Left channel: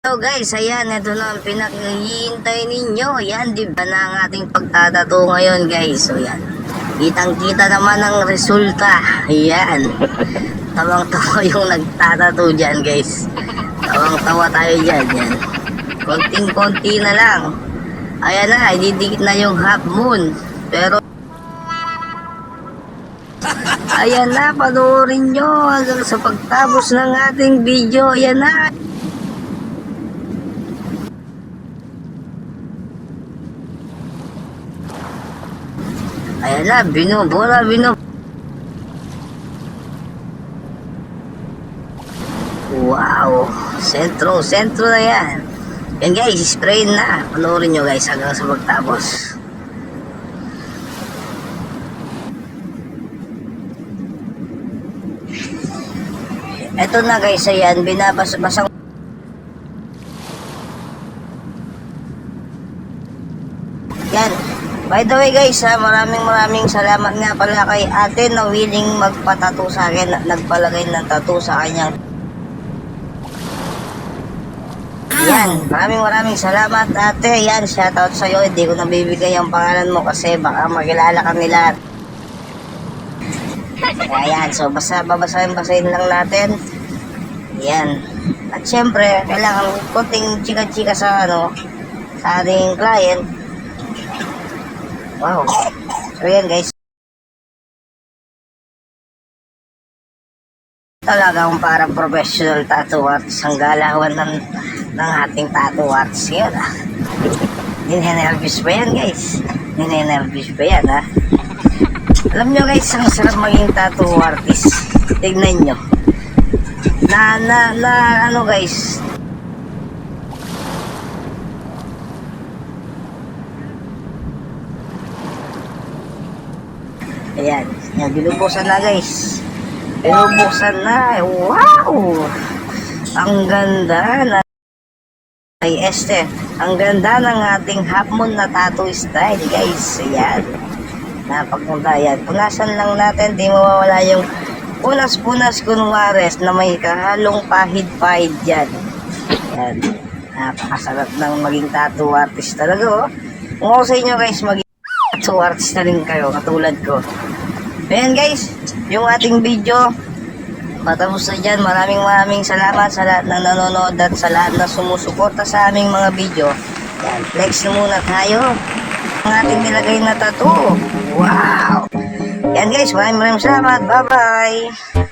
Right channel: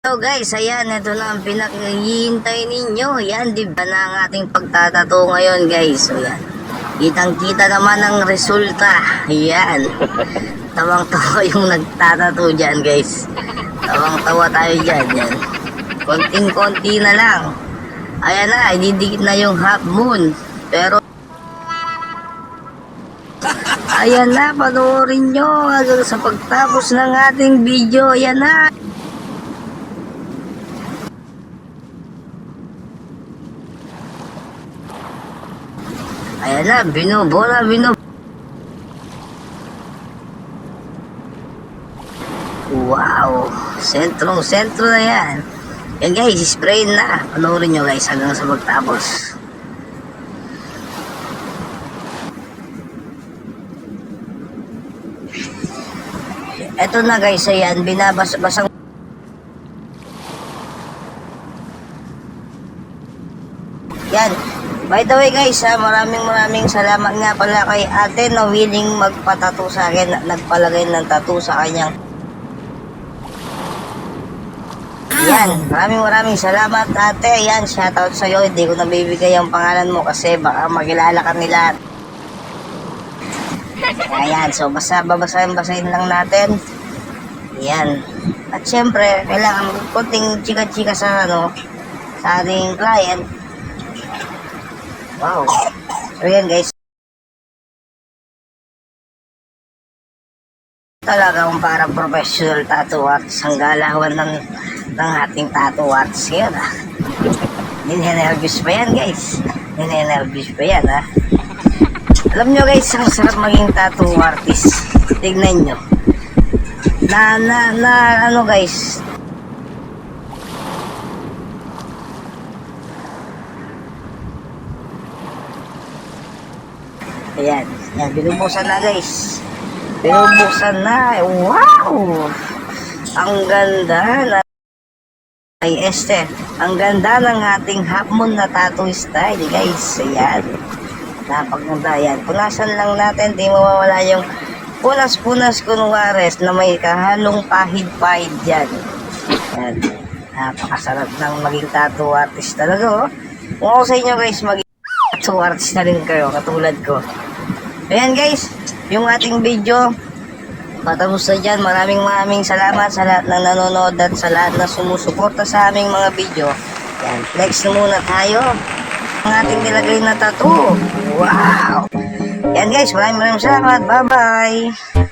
So guys, ayan, ito na ang pinaghihintay ninyo. Ayan, di ba na ang ating pagtatato ngayon guys. So yan, kitang-kita naman ang resulta. Ayan, tawang-tawa yung nagtatato dyan guys. Tawang-tawa tayo dyan. Konting-konti na lang. Ayan na, ididikit na yung half moon. Pero ayan na, panoorin nyo hanggang sa pagtapos ng ating video. Ayan na. Ayan na, binubola. Wow, sentrong-sentro na yan. Yan guys, spray na. Panoorin nyo guys hanggang sa magtapos. Eto na guys, ayan, binabasa-basang. Yan. By the way guys, maraming salamat nga pala kay ate na willing magpatato sa akin at nagpalagay ng tattoo sa kanyang. Yan, maraming salamat ate. Yan, shoutout sa'yo. Hindi ko nabibigay ang pangalan mo kasi baka makilala ka nila. Ayan, so babasahin lang natin. Yan. At syempre, kailangan konting chika-chika sa sa ating client. Wow. So yun guys. Talagang parang professional tattoo artist ang galawan ng ating tattoo artist. Yun ah. Ninenervous pa yan guys. Ninenervous pa yan ah. Alam nyo guys, ang sarap maging tattoo artist. Tignan nyo. Ano guys. Ayan, binubuksan na guys. Binubuksan na. Wow! Ang ganda na. Ay, ang ganda ng ating half moon na tattoo style guys. Ayan. Napakaganda. Ayan. Punasan lang natin. Di mawawala yung punas-punas kunwares na may kahalong pahid-pahid dyan. Ayan. Napakasarap ng maging tattoo artist talaga oh. Kung ako sa inyo guys, maging tattoo artist na rin kayo katulad ko. Ayan guys, yung ating video matapos na dyan. Maraming salamat sa lahat ng nanonood at sa lahat na sumusuporta sa aming mga video. Next na muna tayo ang ating nilagay na tattoo. Wow! Yan guys, maraming salamat. Bye bye!